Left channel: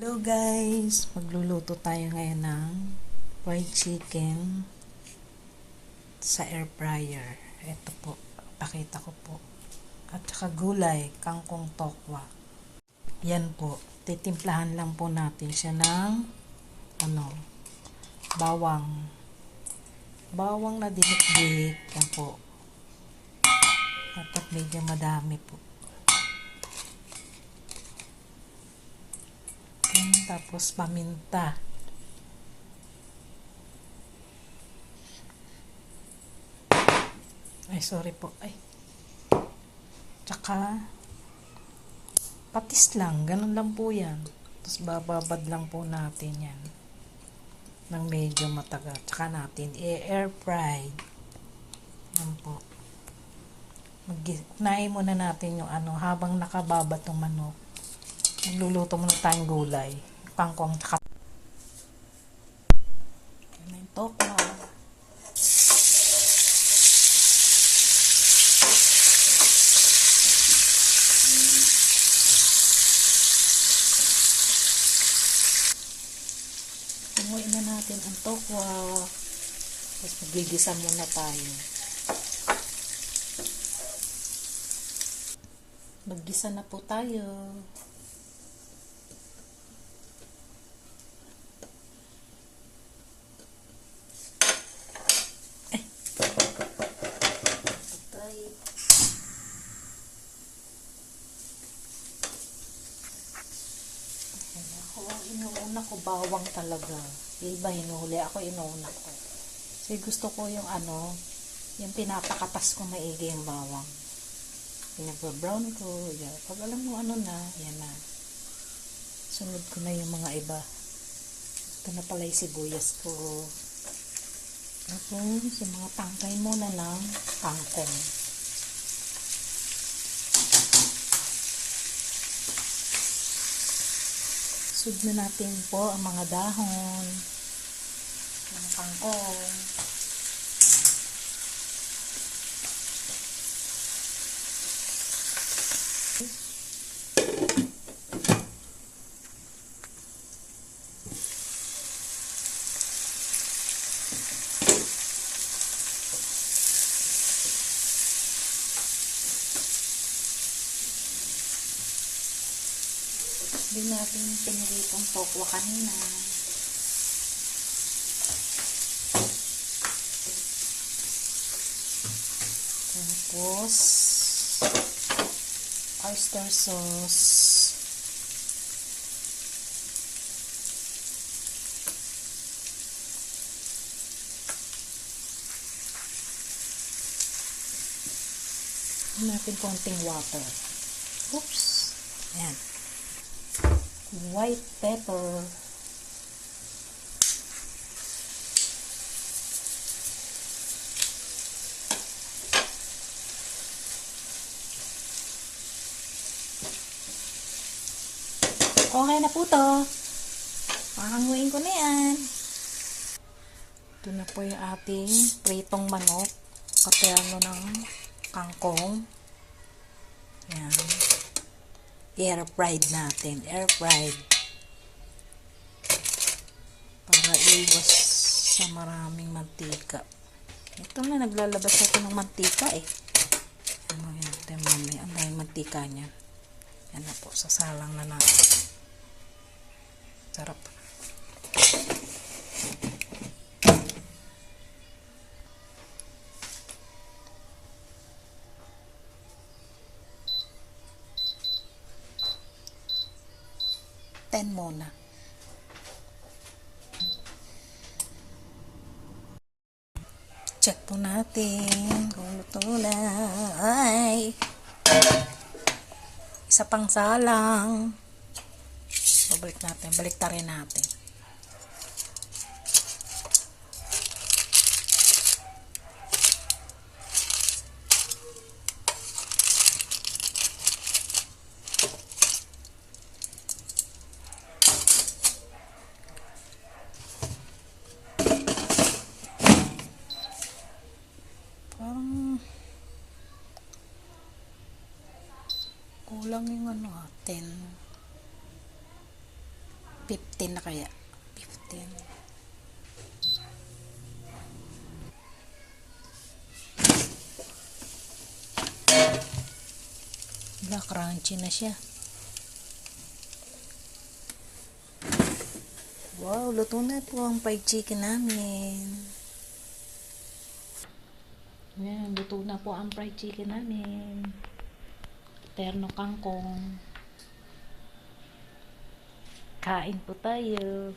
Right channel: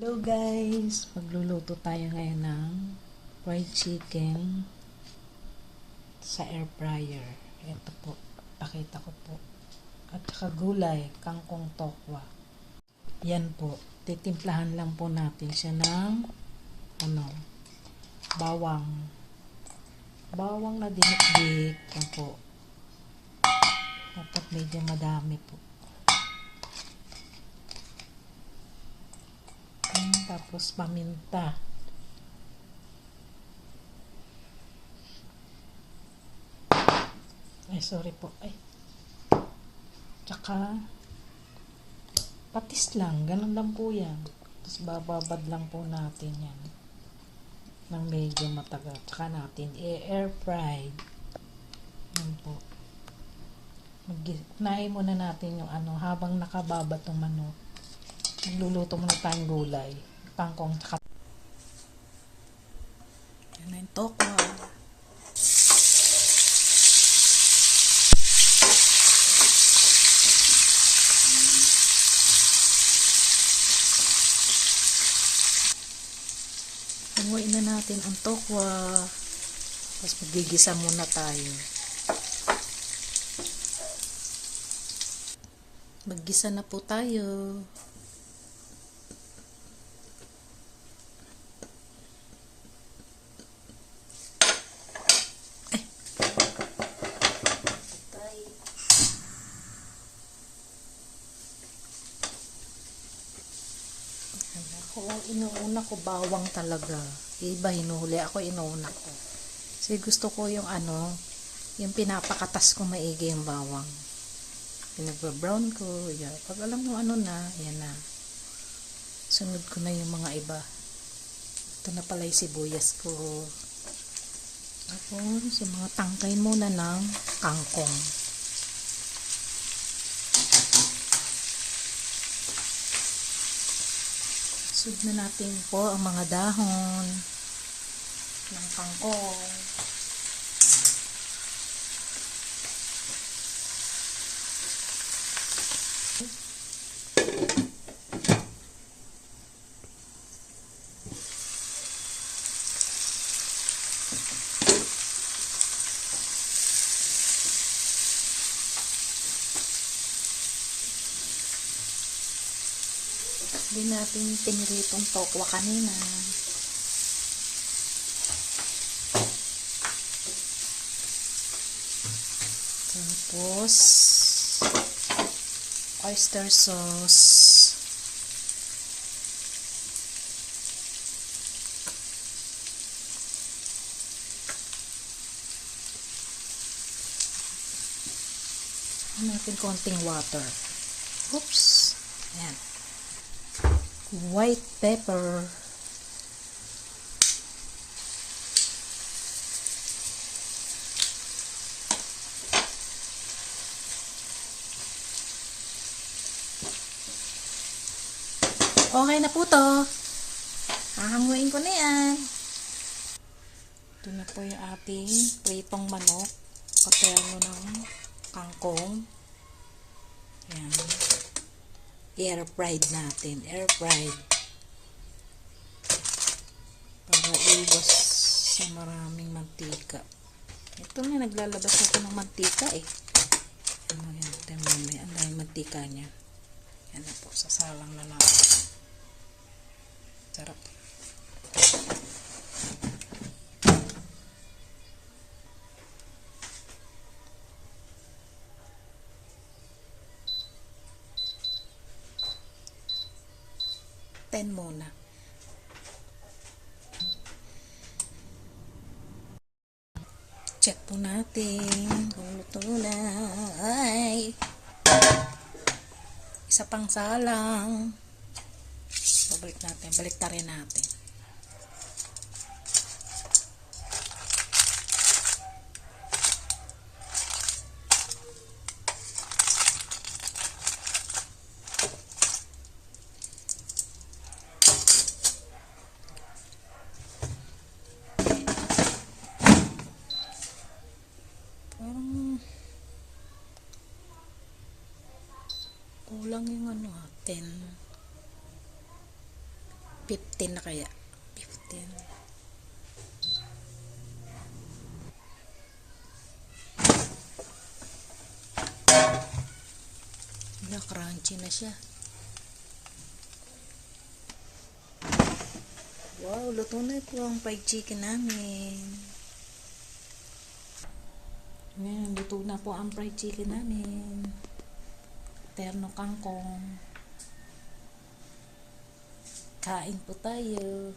Hello guys! Magluluto tayo ngayon ng fried chicken sa air fryer. Ito po, pakita ko po. At saka gulay, kangkong tokwa. Yan po, titimplahan lang po natin siya ng bawang. Bawang na dinikdik. Yan po. Dapat medyo madami po. Tapos paminta. Ay, sorry po. Ay. Tsaka patis lang. Ganun lang po yan. Tapos bababad lang po natin yan. Nang medyo matagal. Tsaka natin air fried. Yan po. Unahin muna natin yung habang nakababa tong manok. Nagluluto muna tayong gulay. Kangkong tsaka. Yan na yung tokwa. Tunguin na natin ang tokwa. Tapos magigisa muna tayo. Maggisa na po tayo. Inuuna ko bawang talaga. Iba hinuhuli ako, inuuna ko. Kasi gusto ko yung yung pinapakatas ko maigi yung bawang. Pinagba-brown ko. Yan. Pag alam mo na, yan na. Sunod ko na yung mga iba. Ito na pala yung sibuyas ko. Tapos, yung mga tangkay muna ng kangkong. Sud na natin po ang mga dahon ng kangkong. Hindi natin piniritong tokwa kanina. Tapos oyster sauce. Natin konting water. Oops. Ayan. White pepper. Okay na po to. Hahanguin ko na yan. Ito na po yung ating pritong manok. Kaperno ng kangkong. Ayan. Air fried natin. Air fried. Para iwas sa maraming mantika. Ito na, naglalabas ako ng mantika eh. Yan. Ito yung mamaya. Ang daming mantika niya. Yan na po. Sasalang na natin. Sarap. Ten muna. Check po natin kung luto na. Ay! Isa pang salang. Babalik natin. Baliktarin natin. Kulang yung natin. 15 na kaya. 15. Wala, crunchy na siya. Wow, luto na po ang fried chicken namin. Yan, luto na po ang fried chicken namin. Terno kangkong. Kain po tayo.